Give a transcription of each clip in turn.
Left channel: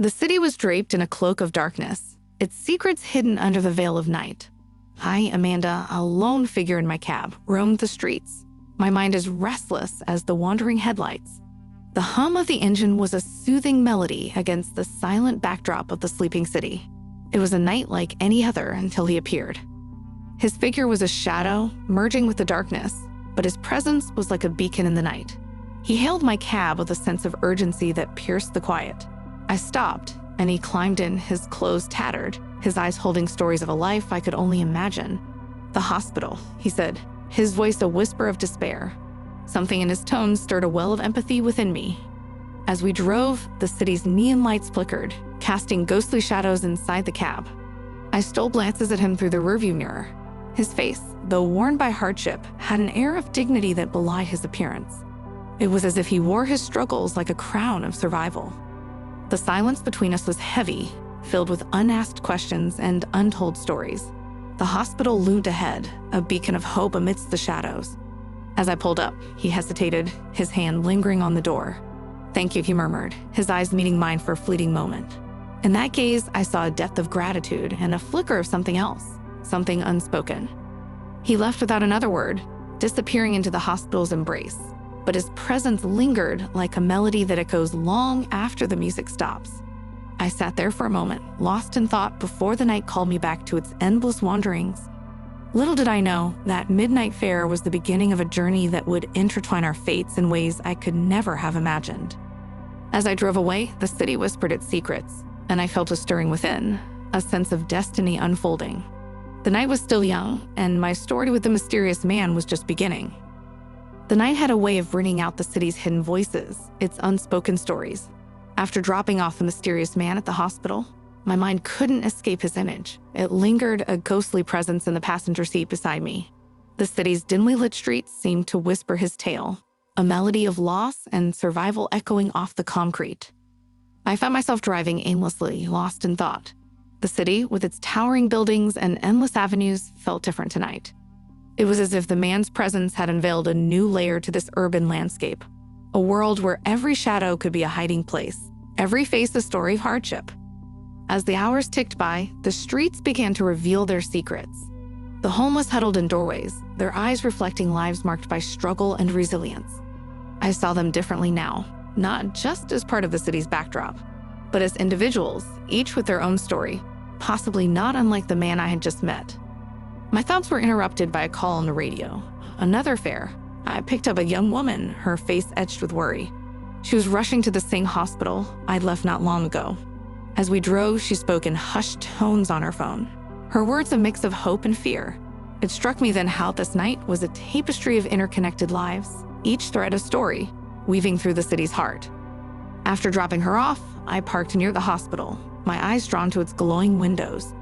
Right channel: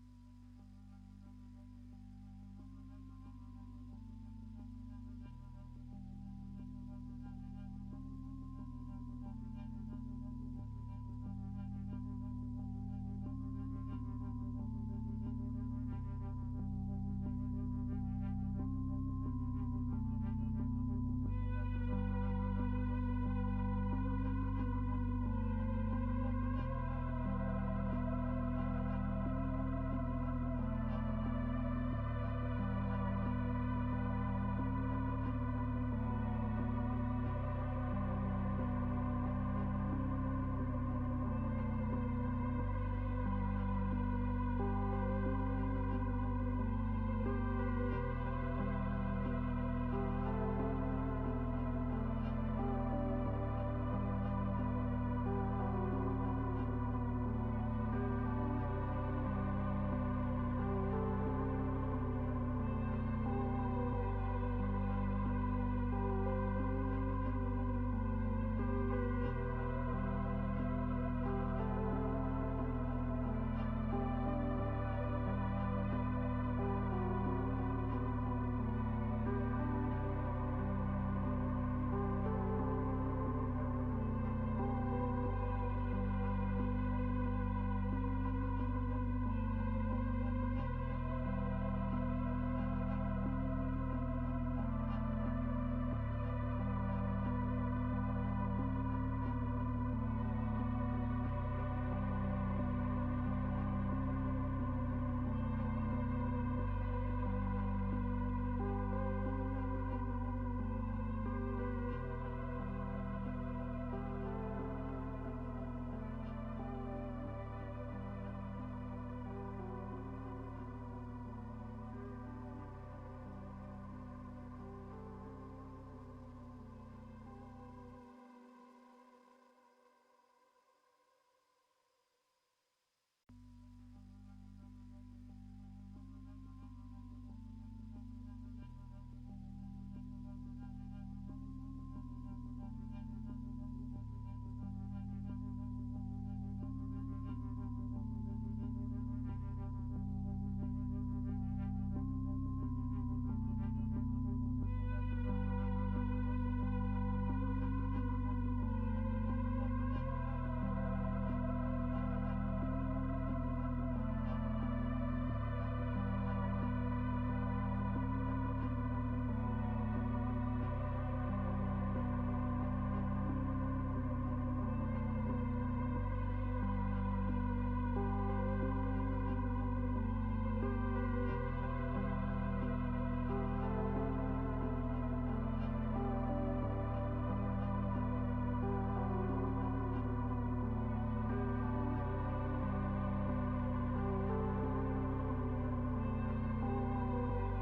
The city was draped in a cloak of darkness, its secrets hidden under the veil of night. I, Amanda, a lone figure in my cab, roamed the streets, my mind as restless as the wandering headlights. The hum of the engine was a soothing melody against the silent backdrop of the sleeping city. It was a night like any other until he appeared. His figure was a shadow, merging with the darkness, but his presence was like a beacon in the night. He hailed my cab with a sense of urgency that pierced the quiet. I stopped, and he climbed in, his clothes tattered, his eyes holding stories of a life I could only imagine. "The hospital," he said, his voice a whisper of despair. Something in his tone stirred a well of empathy within me. As we drove, the city's neon lights flickered, casting ghostly shadows inside the cab. I stole glances at him through the rearview mirror. His face, though worn by hardship, had an air of dignity that belied his appearance. It was as if he wore his struggles like a crown of survival. The silence between us was heavy, filled with unasked questions and untold stories. The hospital loomed ahead, a beacon of hope amidst the shadows. As I pulled up, he hesitated, his hand lingering on the door. "Thank you," he murmured, his eyes meeting mine for a fleeting moment. In that gaze, I saw a depth of gratitude and a flicker of something else, something unspoken. He left without another word, disappearing into the hospital's embrace, but his presence lingered like a melody that echoes long after the music stops. I sat there for a moment, lost in thought before the night called me back to its endless wanderings. Little did I know that midnight fare was the beginning of a journey that would intertwine our fates in ways I could never have imagined. As I drove away, the city whispered its secrets, and I felt a stirring within, a sense of destiny unfolding. The night was still young, and my story with the mysterious man was just beginning. The night had a way of bringing out the city's hidden voices, its unspoken stories. After dropping off the mysterious man at the hospital, my mind couldn't escape his image. It lingered, a ghostly presence in the passenger seat beside me. The city's dimly lit streets seemed to whisper his tale, a melody of loss and survival echoing off the concrete. I found myself driving aimlessly, lost in thought. The city, with its towering buildings and endless avenues, felt different tonight. It was as if the man's presence had unveiled a new layer to this urban landscape, a world where every shadow could be a hiding place, every face a story of hardship. As the hours ticked by, the streets began to reveal their secrets. The homeless huddled in doorways, their eyes reflecting lives marked by struggle and resilience. I saw them differently now, not just as part of the city's backdrop, but as individuals, each with their own story, possibly not unlike the man I had just met. My thoughts were interrupted by a call on the radio. Another fare. I picked up a young woman, her face etched with worry. She was rushing to the same hospital I'd left not long ago. As we drove, she spoke in hushed tones on her phone, her words a mix of hope and fear. It struck me then how this night was a tapestry of interconnected lives, each thread a story, weaving through the city's heart. After dropping her off, I parked near the hospital, my eyes drawn to its glowing windows.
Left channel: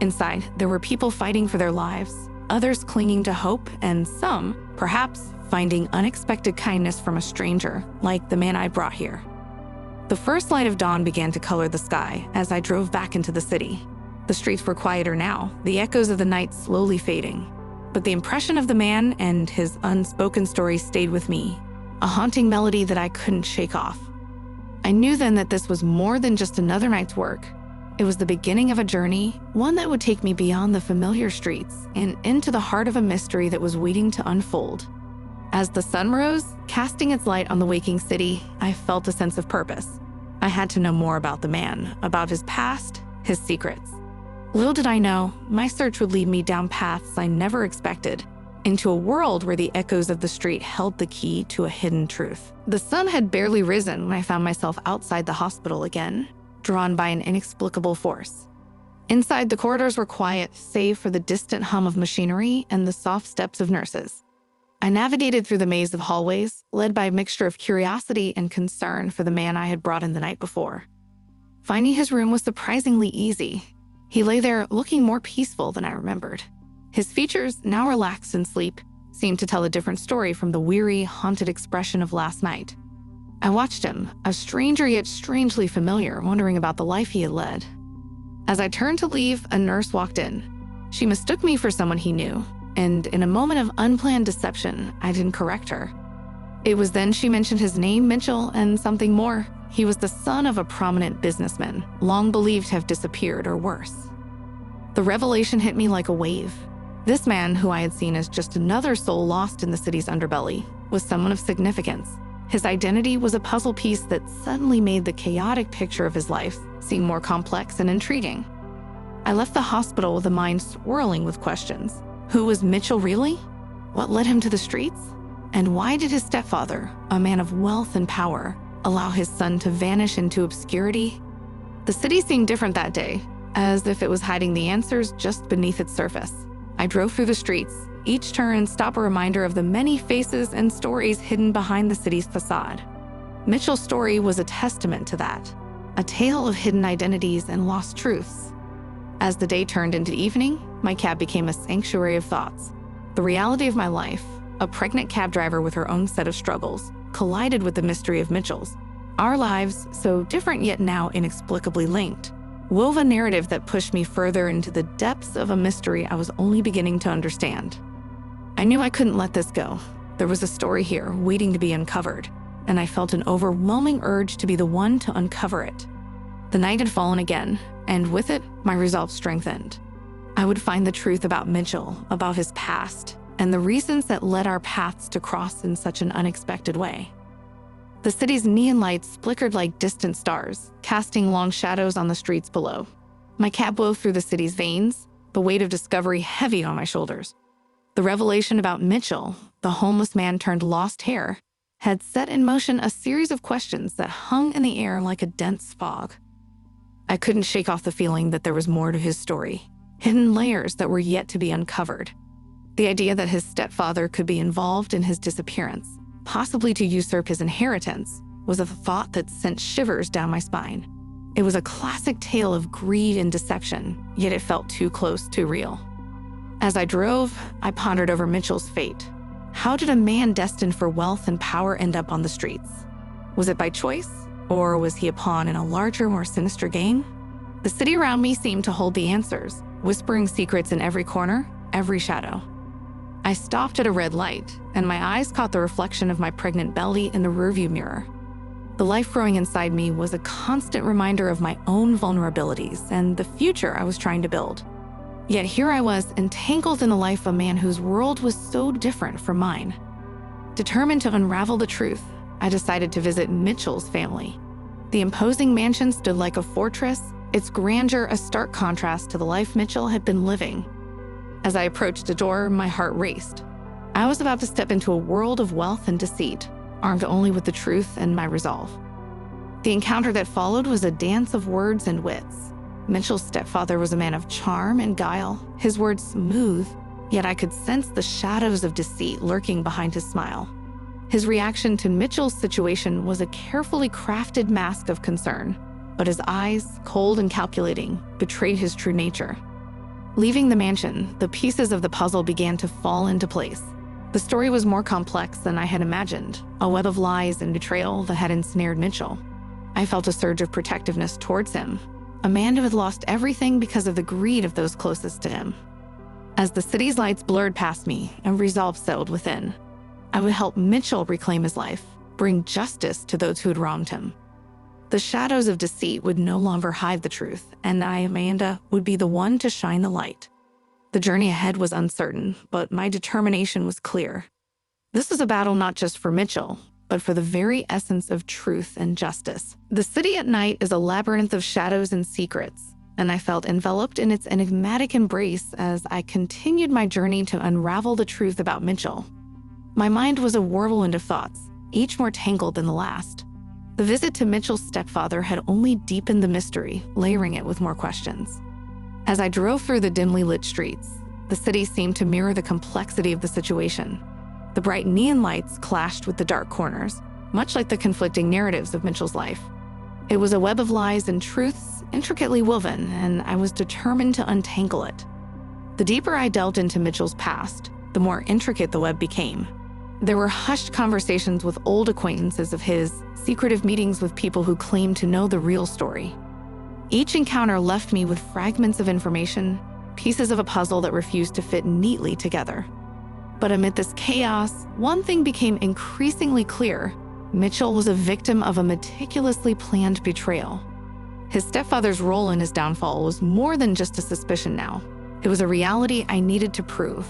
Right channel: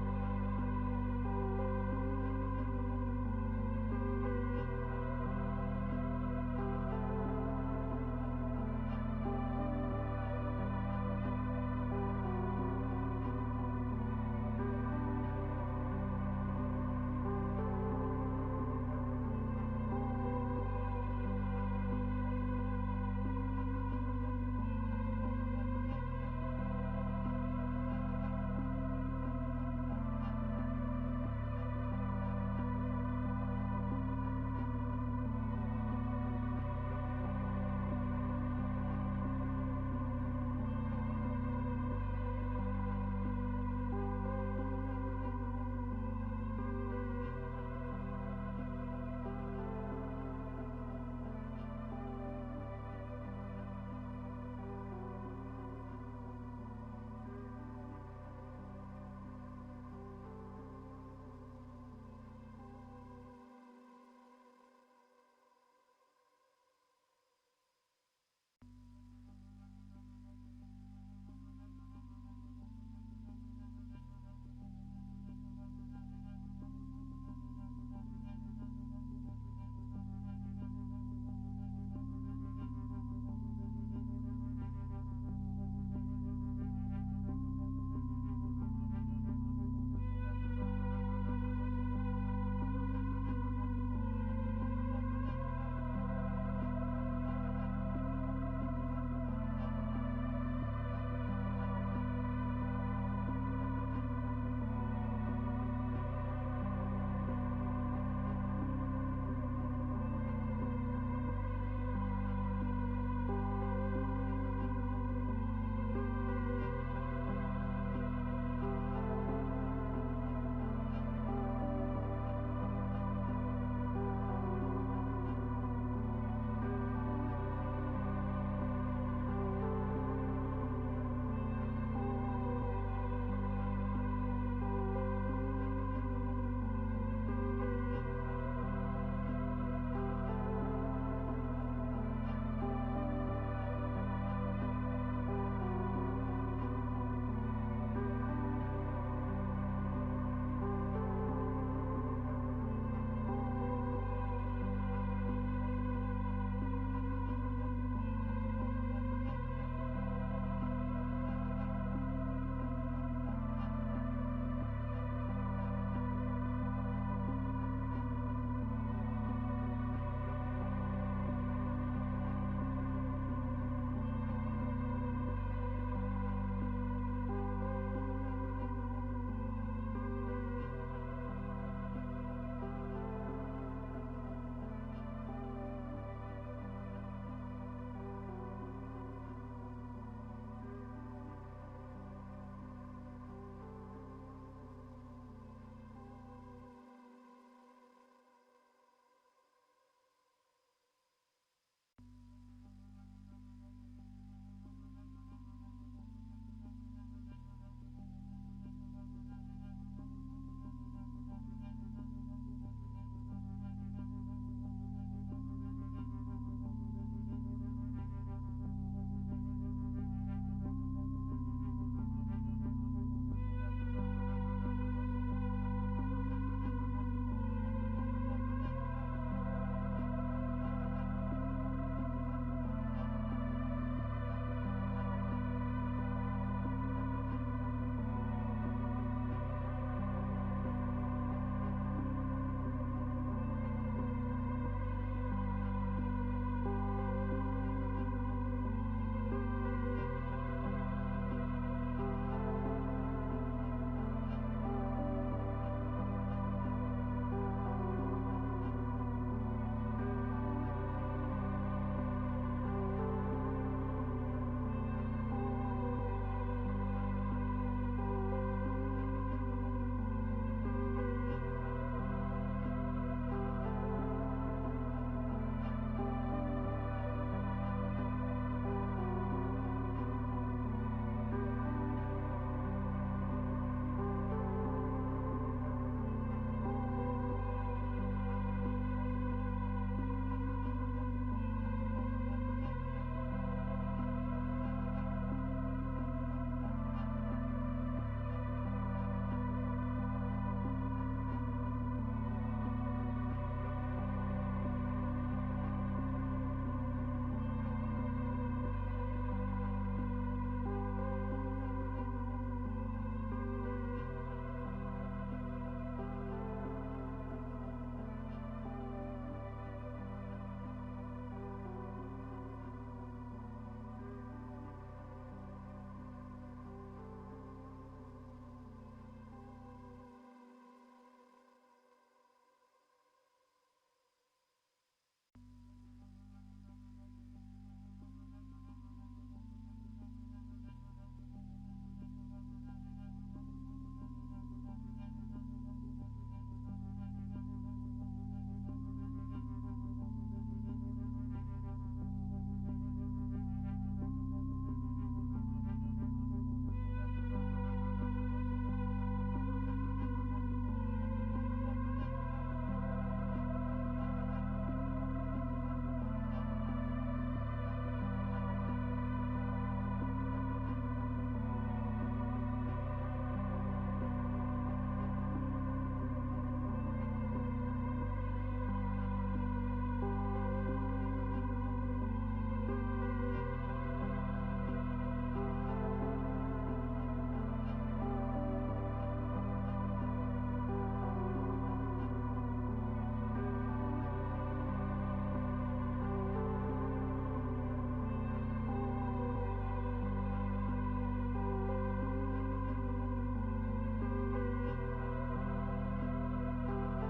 Inside, there were people fighting for their lives, others clinging to hope, and some, perhaps, finding unexpected kindness from a stranger, like the man I brought here. The first light of dawn began to color the sky as I drove back into the city. The streets were quieter now, the echoes of the night slowly fading. But the impression of the man and his unspoken story stayed with me, a haunting melody that I couldn't shake off. I knew then that this was more than just another night's work. It was the beginning of a journey, one that would take me beyond the familiar streets and into the heart of a mystery that was waiting to unfold. As the sun rose, casting its light on the waking city, I felt a sense of purpose. I had to know more about the man, about his past, his secrets. Little did I know, my search would lead me down paths I never expected, into a world where the echoes of the street held the key to a hidden truth. The sun had barely risen when I found myself outside the hospital again, drawn by an inexplicable force. Inside, the corridors were quiet, save for the distant hum of machinery and the soft steps of nurses. I navigated through the maze of hallways, led by a mixture of curiosity and concern for the man I had brought in the night before. Finding his room was surprisingly easy. He lay there looking more peaceful than I remembered. His features, now relaxed in sleep, seemed to tell a different story from the weary, haunted expression of last night. I watched him, a stranger yet strangely familiar, wondering about the life he had led. As I turned to leave, a nurse walked in. She mistook me for someone he knew, and in a moment of unplanned deception, I didn't correct her. It was then she mentioned his name, Mitchell, and something more. He was the son of a prominent businessman, long believed to have disappeared or worse. The revelation hit me like a wave. This man, who I had seen as just another soul lost in the city's underbelly, was someone of significance. His identity was a puzzle piece that suddenly made the chaotic picture of his life seem more complex and intriguing. I left the hospital with a mind swirling with questions. Who was Mitchell really? What led him to the streets? And why did his stepfather, a man of wealth and power, allow his son to vanish into obscurity? The city seemed different that day, as if it was hiding the answers just beneath its surface. I drove through the streets, each turn stop a reminder of the many faces and stories hidden behind the city's facade. Mitchell's story was a testament to that, a tale of hidden identities and lost truths. As the day turned into evening, my cab became a sanctuary of thoughts. The reality of my life, a pregnant cab driver with her own set of struggles, collided with the mystery of Mitchell's. Our lives, so different yet now inexplicably linked, wove a narrative that pushed me further into the depths of a mystery I was only beginning to understand. I knew I couldn't let this go. There was a story here waiting to be uncovered, and I felt an overwhelming urge to be the one to uncover it. The night had fallen again, and with it, my resolve strengthened. I would find the truth about Mitchell, about his past, and the reasons that led our paths to cross in such an unexpected way. The city's neon lights flickered like distant stars, casting long shadows on the streets below. My cab wove through the city's veins, the weight of discovery heavy on my shoulders. The revelation about Mitchell, the homeless man turned lost heir, had set in motion a series of questions that hung in the air like a dense fog. I couldn't shake off the feeling that there was more to his story, hidden layers that were yet to be uncovered. The idea that his stepfather could be involved in his disappearance, possibly to usurp his inheritance, was a thought that sent shivers down my spine. It was a classic tale of greed and deception, yet it felt too close, too real. As I drove, I pondered over Mitchell's fate. How did a man destined for wealth and power end up on the streets? Was it by choice, or was he a pawn in a larger, more sinister game? The city around me seemed to hold the answers, whispering secrets in every corner, every shadow. I stopped at a red light, and my eyes caught the reflection of my pregnant belly in the rearview mirror. The life growing inside me was a constant reminder of my own vulnerabilities and the future I was trying to build. Yet here I was, entangled in the life of a man whose world was so different from mine. Determined to unravel the truth, I decided to visit Mitchell's family. The imposing mansion stood like a fortress, its grandeur a stark contrast to the life Mitchell had been living. As I approached the door, my heart raced. I was about to step into a world of wealth and deceit, armed only with the truth and my resolve. The encounter that followed was a dance of words and wits. Mitchell's stepfather was a man of charm and guile, his words smooth, yet I could sense the shadows of deceit lurking behind his smile. His reaction to Mitchell's situation was a carefully crafted mask of concern, but his eyes, cold and calculating, betrayed his true nature. Leaving the mansion, the pieces of the puzzle began to fall into place. The story was more complex than I had imagined, a web of lies and betrayal that had ensnared Mitchell. I felt a surge of protectiveness towards him, a man who had lost everything because of the greed of those closest to him. As the city's lights blurred past me and resolve settled within, I would help Mitchell reclaim his life, bring justice to those who had wronged him. The shadows of deceit would no longer hide the truth, and I, Amanda, would be the one to shine the light. The journey ahead was uncertain, but my determination was clear. This was a battle not just for Mitchell, but for the very essence of truth and justice. The city at night is a labyrinth of shadows and secrets, and I felt enveloped in its enigmatic embrace as I continued my journey to unravel the truth about Mitchell. My mind was a whirlwind of thoughts, each more tangled than the last. The visit to Mitchell's stepfather had only deepened the mystery, layering it with more questions. As I drove through the dimly lit streets, the city seemed to mirror the complexity of the situation. The bright neon lights clashed with the dark corners, much like the conflicting narratives of Mitchell's life. It was a web of lies and truths intricately woven, and I was determined to untangle it. The deeper I delved into Mitchell's past, the more intricate the web became. There were hushed conversations with old acquaintances of his, secretive meetings with people who claimed to know the real story. Each encounter left me with fragments of information, pieces of a puzzle that refused to fit neatly together. But amid this chaos, one thing became increasingly clear. Mitchell was a victim of a meticulously planned betrayal. His stepfather's role in his downfall was more than just a suspicion now. It was a reality I needed to prove.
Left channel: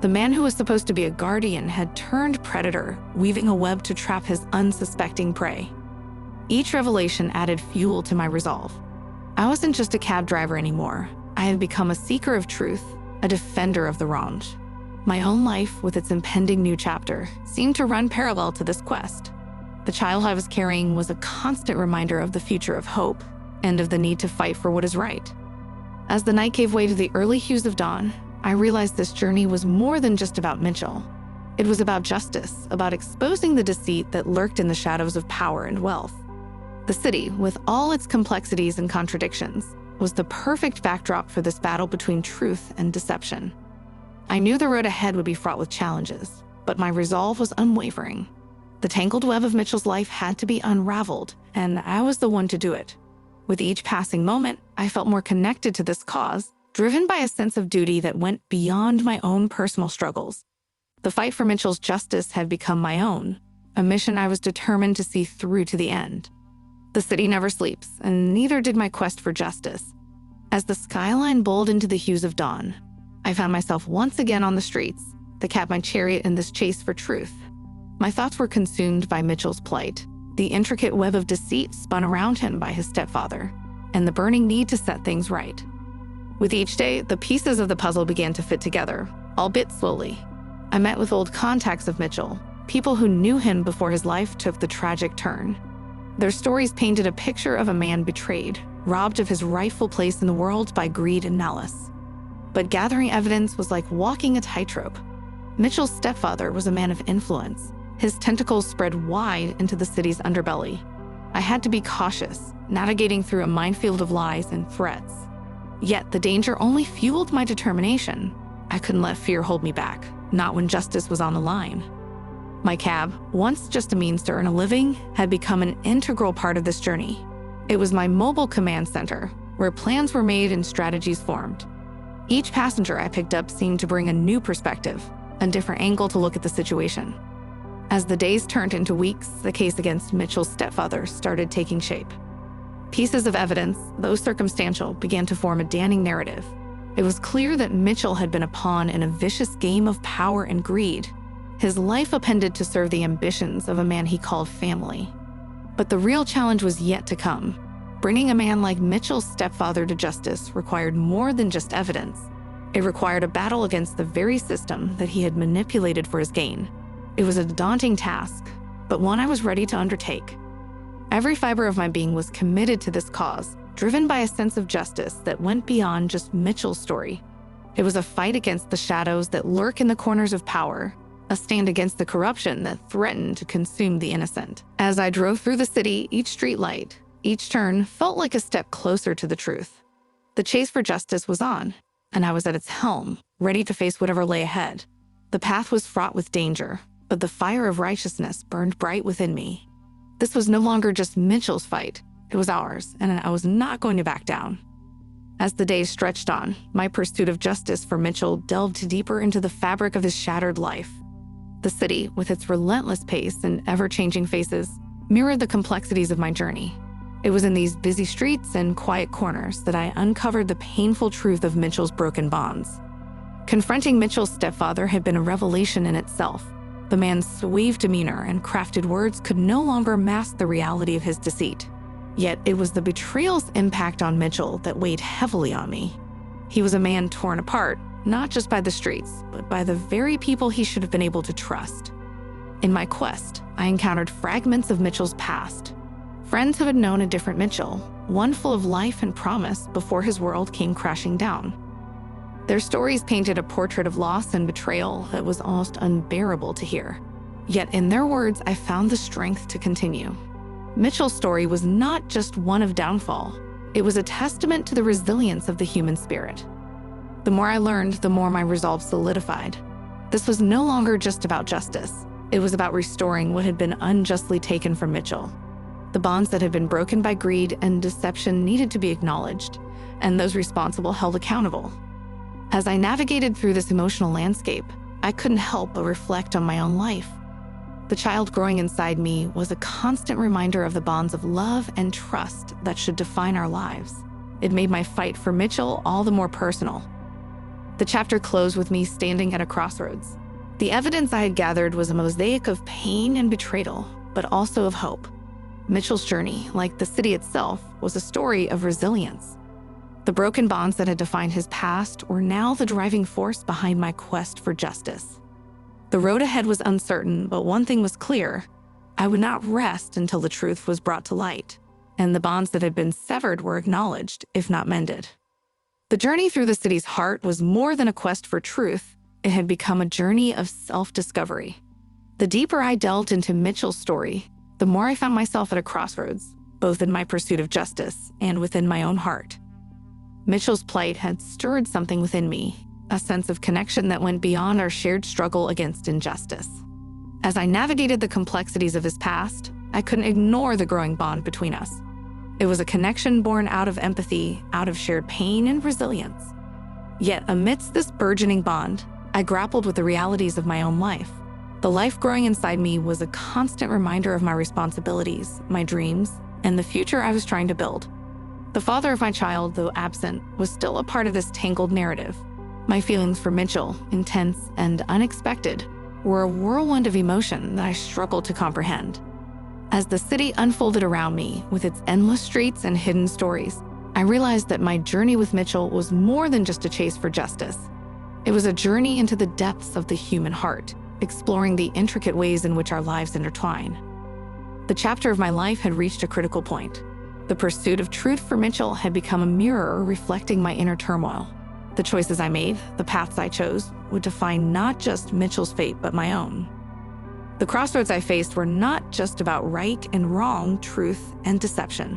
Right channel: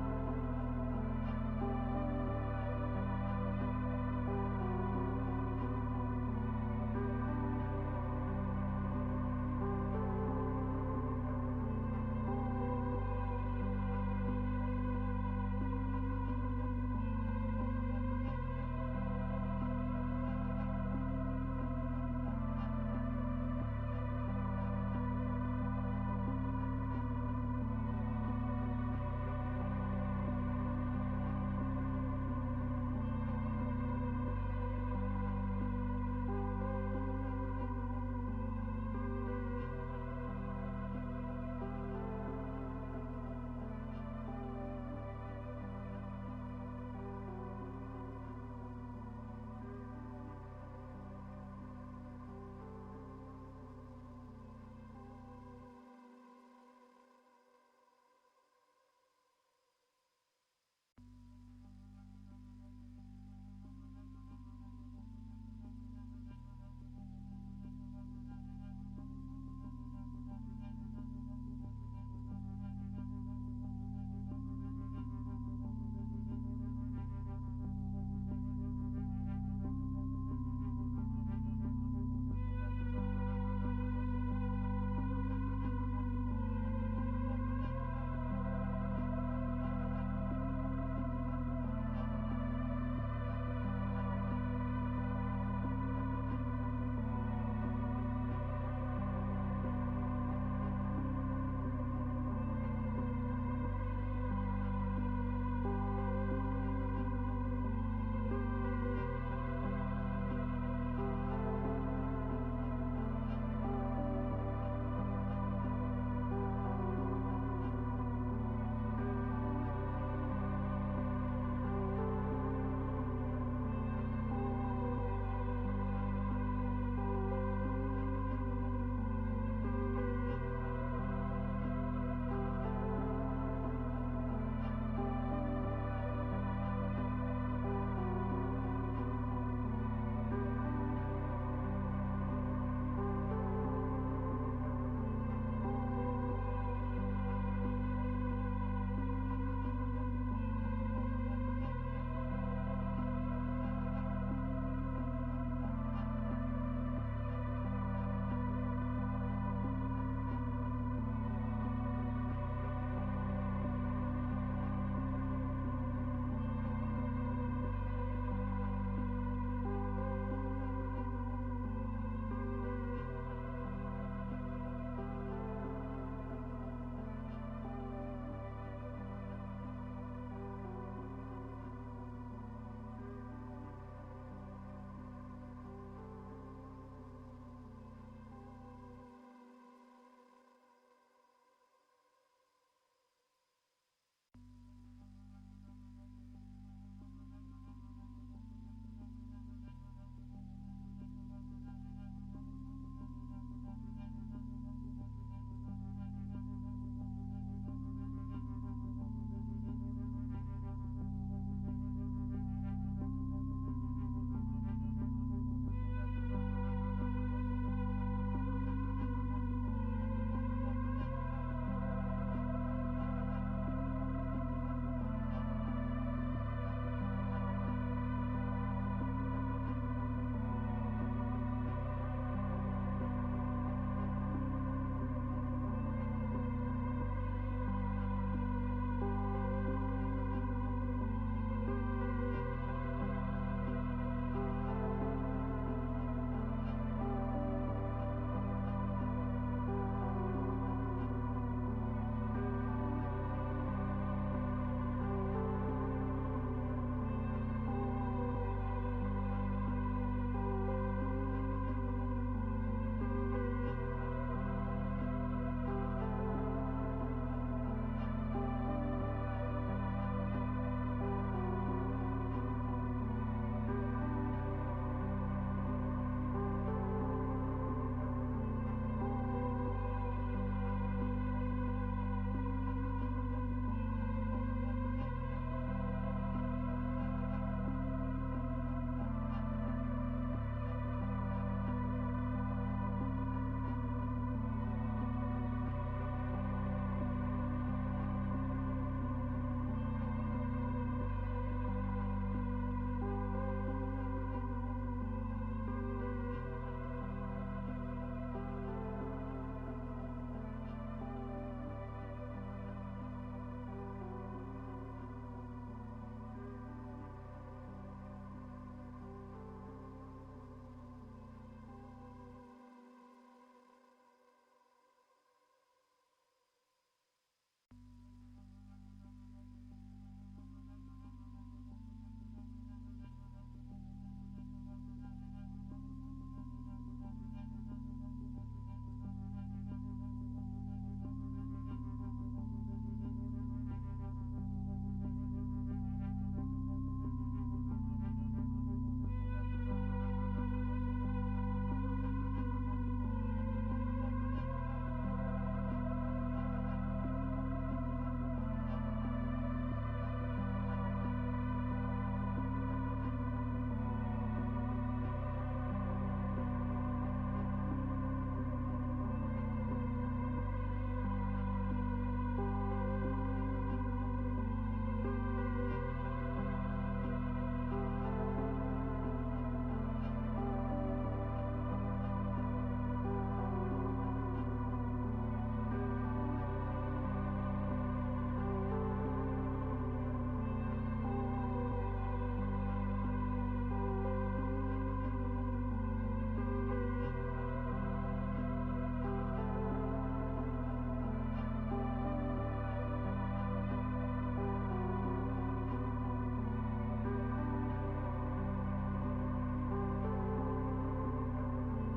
The man who was supposed to be a guardian had turned predator, weaving a web to trap his unsuspecting prey. Each revelation added fuel to my resolve. I wasn't just a cab driver anymore. I had become a seeker of truth, a defender of the wronged. My own life, with its impending new chapter, seemed to run parallel to this quest. The child I was carrying was a constant reminder of the future of hope and of the need to fight for what is right. As the night gave way to the early hues of dawn, I realized this journey was more than just about Mitchell. It was about justice, about exposing the deceit that lurked in the shadows of power and wealth. The city, with all its complexities and contradictions, was the perfect backdrop for this battle between truth and deception. I knew the road ahead would be fraught with challenges, but my resolve was unwavering. The tangled web of Mitchell's life had to be unraveled, and I was the one to do it. With each passing moment, I felt more connected to this cause, driven by a sense of duty that went beyond my own personal struggles. The fight for Mitchell's justice had become my own, a mission I was determined to see through to the end. The city never sleeps, and neither did my quest for justice. As the skyline bowled into the hues of dawn, I found myself once again on the streets, the cab my chariot in this chase for truth. My thoughts were consumed by Mitchell's plight, the intricate web of deceit spun around him by his stepfather, and the burning need to set things right. With each day, the pieces of the puzzle began to fit together, albeit slowly. I met with old contacts of Mitchell, people who knew him before his life took the tragic turn. Their stories painted a picture of a man betrayed, robbed of his rightful place in the world by greed and malice. But gathering evidence was like walking a tightrope. Mitchell's stepfather was a man of influence. His tentacles spread wide into the city's underbelly. I had to be cautious, navigating through a minefield of lies and threats. Yet the danger only fueled my determination. I couldn't let fear hold me back, not when justice was on the line. My cab, once just a means to earn a living, had become an integral part of this journey. It was my mobile command center, where plans were made and strategies formed. Each passenger I picked up seemed to bring a new perspective, a different angle to look at the situation. As the days turned into weeks, the case against Mitchell's stepfather started taking shape. Pieces of evidence, though circumstantial, began to form a damning narrative. It was clear that Mitchell had been a pawn in a vicious game of power and greed. His life appended to serve the ambitions of a man he called family. But the real challenge was yet to come. Bringing a man like Mitchell's stepfather to justice required more than just evidence. It required a battle against the very system that he had manipulated for his gain. It was a daunting task, but one I was ready to undertake. Every fiber of my being was committed to this cause, driven by a sense of justice that went beyond just Mitchell's story. It was a fight against the shadows that lurk in the corners of power, a stand against the corruption that threatened to consume the innocent. As I drove through the city, each streetlight, each turn felt like a step closer to the truth. The chase for justice was on, and I was at its helm, ready to face whatever lay ahead. The path was fraught with danger, but the fire of righteousness burned bright within me. This was no longer just Mitchell's fight, it was ours, and I was not going to back down. As the days stretched on, my pursuit of justice for Mitchell delved deeper into the fabric of his shattered life. The city, with its relentless pace and ever-changing faces, mirrored the complexities of my journey. It was in these busy streets and quiet corners that I uncovered the painful truth of Mitchell's broken bonds. Confronting Mitchell's stepfather had been a revelation in itself. The man's suave demeanor and crafted words could no longer mask the reality of his deceit. Yet it was the betrayal's impact on Mitchell that weighed heavily on me. He was a man torn apart, not just by the streets, but by the very people he should have been able to trust. In my quest, I encountered fragments of Mitchell's past. Friends who had known a different Mitchell, one full of life and promise before his world came crashing down. Their stories painted a portrait of loss and betrayal that was almost unbearable to hear. Yet in their words, I found the strength to continue. Mitchell's story was not just one of downfall. It was a testament to the resilience of the human spirit. The more I learned, the more my resolve solidified. This was no longer just about justice. It was about restoring what had been unjustly taken from Mitchell. The bonds that had been broken by greed and deception needed to be acknowledged, and those responsible held accountable. As I navigated through this emotional landscape, I couldn't help but reflect on my own life. The child growing inside me was a constant reminder of the bonds of love and trust that should define our lives. It made my fight for Mitchell all the more personal. The chapter closed with me standing at a crossroads. The evidence I had gathered was a mosaic of pain and betrayal, but also of hope. Mitchell's journey, like the city itself, was a story of resilience. The broken bonds that had defined his past were now the driving force behind my quest for justice. The road ahead was uncertain, but one thing was clear: I would not rest until the truth was brought to light, and the bonds that had been severed were acknowledged, if not mended. The journey through the city's heart was more than a quest for truth. It had become a journey of self-discovery. The deeper I delved into Mitchell's story, the more I found myself at a crossroads, both in my pursuit of justice and within my own heart. Mitchell's plight had stirred something within me, a sense of connection that went beyond our shared struggle against injustice. As I navigated the complexities of his past, I couldn't ignore the growing bond between us. It was a connection born out of empathy, out of shared pain and resilience. Yet amidst this burgeoning bond, I grappled with the realities of my own life. The life growing inside me was a constant reminder of my responsibilities, my dreams, and the future I was trying to build. The father of my child, though absent, was still a part of this tangled narrative. My feelings for Mitchell, intense and unexpected, were a whirlwind of emotion that I struggled to comprehend. As the city unfolded around me with its endless streets and hidden stories, I realized that my journey with Mitchell was more than just a chase for justice. It was a journey into the depths of the human heart, exploring the intricate ways in which our lives intertwine. The chapter of my life had reached a critical point. The pursuit of truth for Mitchell had become a mirror reflecting my inner turmoil. The choices I made, the paths I chose, would define not just Mitchell's fate, but my own. The crossroads I faced were not just about right and wrong, truth and deception.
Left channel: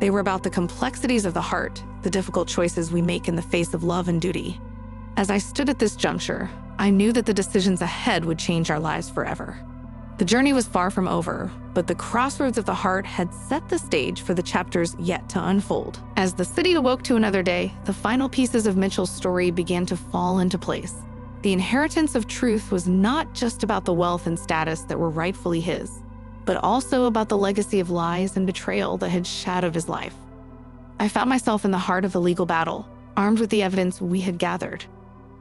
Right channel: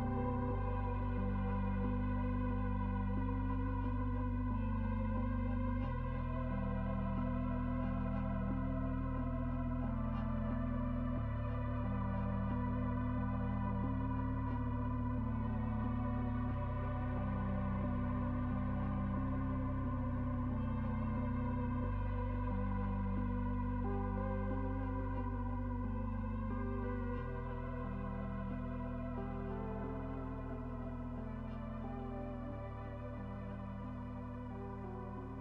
They were about the complexities of the heart, the difficult choices we make in the face of love and duty. As I stood at this juncture, I knew that the decisions ahead would change our lives forever. The journey was far from over, but the crossroads of the heart had set the stage for the chapters yet to unfold. As the city awoke to another day, the final pieces of Mitchell's story began to fall into place. The inheritance of truth was not just about the wealth and status that were rightfully his, but also about the legacy of lies and betrayal that had shadowed his life. I found myself in the heart of the legal battle, armed with the evidence we had gathered.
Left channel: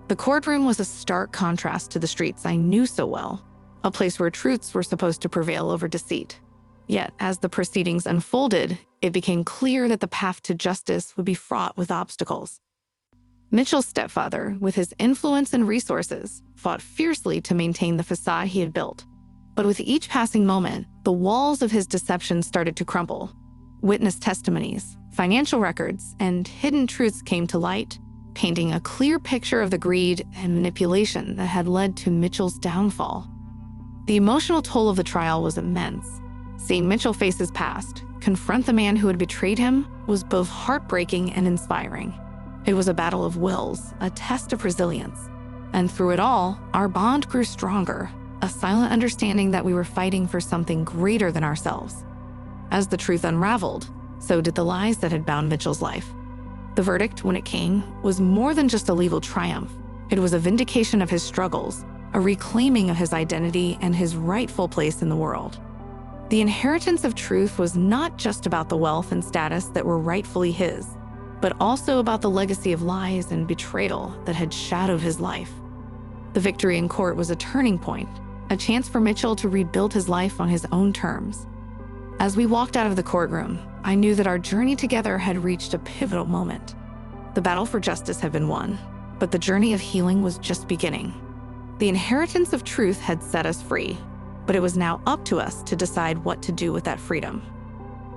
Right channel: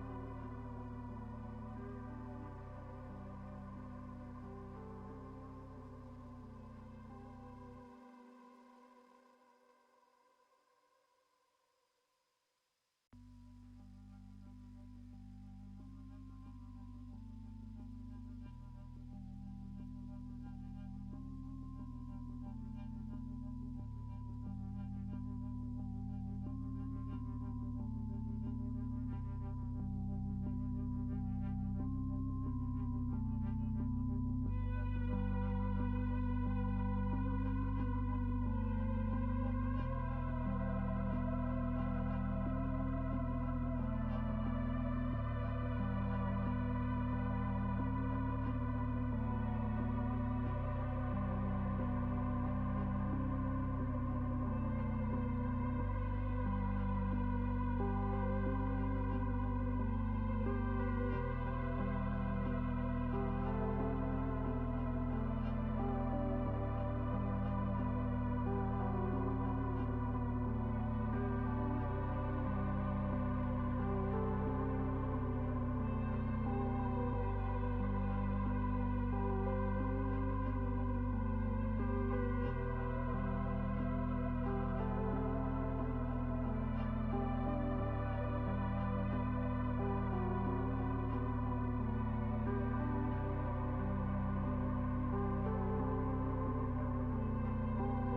The courtroom was a stark contrast to the streets I knew so well, a place where truths were supposed to prevail over deceit. Yet, as the proceedings unfolded, it became clear that the path to justice would be fraught with obstacles. Mitchell's stepfather, with his influence and resources, fought fiercely to maintain the facade he had built. But with each passing moment, the walls of his deception started to crumble. Witness testimonies, financial records, and hidden truths came to light, painting a clear picture of the greed and manipulation that had led to Mitchell's downfall. The emotional toll of the trial was immense. Seeing Mitchell face his past, confront the man who had betrayed him, was both heartbreaking and inspiring. It was a battle of wills, a test of resilience. And through it all, our bond grew stronger, a silent understanding that we were fighting for something greater than ourselves. As the truth unraveled, so did the lies that had bound Mitchell's life. The verdict, when it came, was more than just a legal triumph. It was a vindication of his struggles, a reclaiming of his identity and his rightful place in the world. The inheritance of truth was not just about the wealth and status that were rightfully his, but also about the legacy of lies and betrayal that had shadowed his life. The victory in court was a turning point, a chance for Mitchell to rebuild his life on his own terms. As we walked out of the courtroom, I knew that our journey together had reached a pivotal moment. The battle for justice had been won, but the journey of healing was just beginning. The inheritance of truth had set us free, but it was now up to us to decide what to do with that freedom.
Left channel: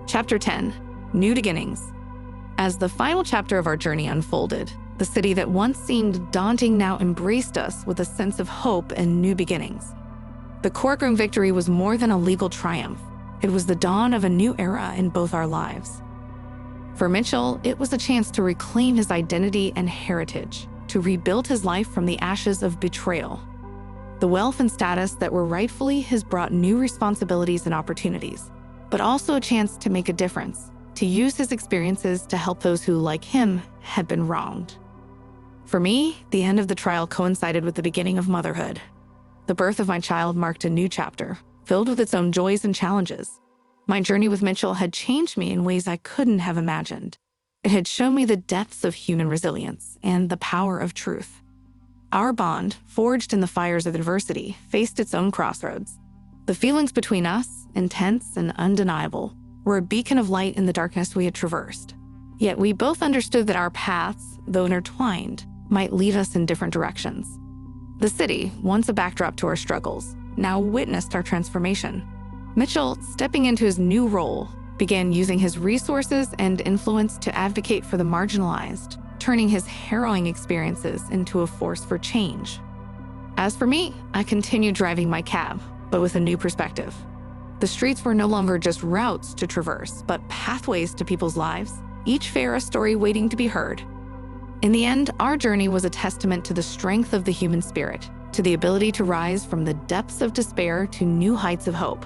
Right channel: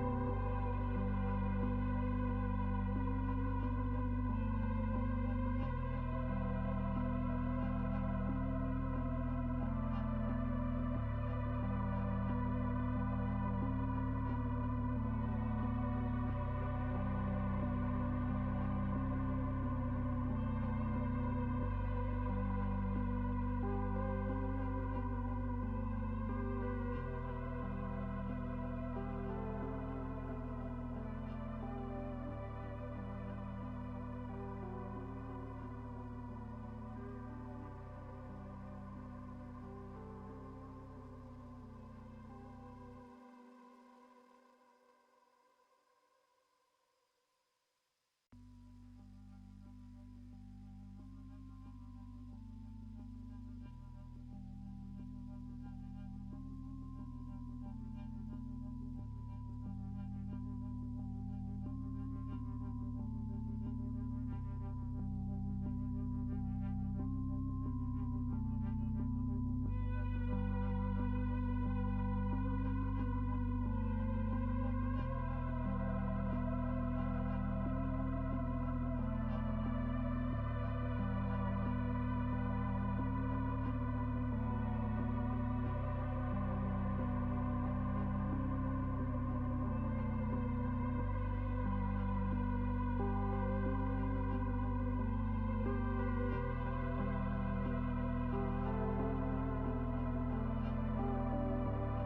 Chapter 10, New Beginnings. As the final chapter of our journey unfolded, the city that once seemed daunting now embraced us with a sense of hope and new beginnings. The courtroom victory was more than a legal triumph. It was the dawn of a new era in both our lives. For Mitchell, it was a chance to reclaim his identity and heritage, to rebuild his life from the ashes of betrayal. The wealth and status that were rightfully his brought new responsibilities and opportunities, but also a chance to make a difference, to use his experiences to help those who, like him, had been wronged. For me, the end of the trial coincided with the beginning of motherhood. The birth of my child marked a new chapter, filled with its own joys and challenges. My journey with Mitchell had changed me in ways I couldn't have imagined. It had shown me the depths of human resilience and the power of truth. Our bond, forged in the fires of adversity, faced its own crossroads. The feelings between us, intense and undeniable, were a beacon of light in the darkness we had traversed. Yet we both understood that our paths, though intertwined, might lead us in different directions. The city, once a backdrop to our struggles, now witnessed our transformation. Mitchell, stepping into his new role, began using his resources and influence to advocate for the marginalized, turning his harrowing experiences into a force for change. As for me, I continued driving my cab, but with a new perspective. The streets were no longer just routes to traverse, but pathways to people's lives, each fair a story waiting to be heard. In the end, our journey was a testament to the strength of the human spirit, to the ability to rise from the depths of despair to new heights of hope.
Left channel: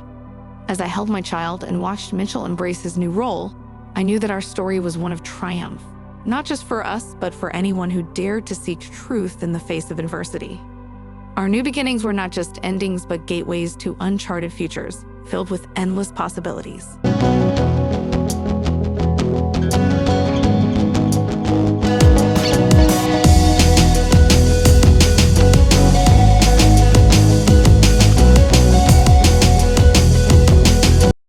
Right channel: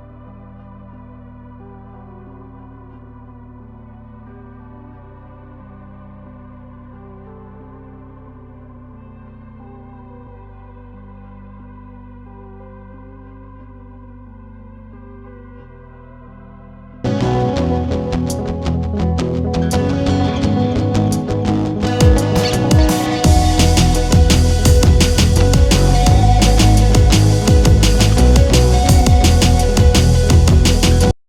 As I held my child and watched Mitchell embrace his new role, I knew that our story was one of triumph, not just for us, but for anyone who dared to seek truth in the face of adversity. Our new beginnings were not just endings, but gateways to uncharted futures, filled with endless possibilities.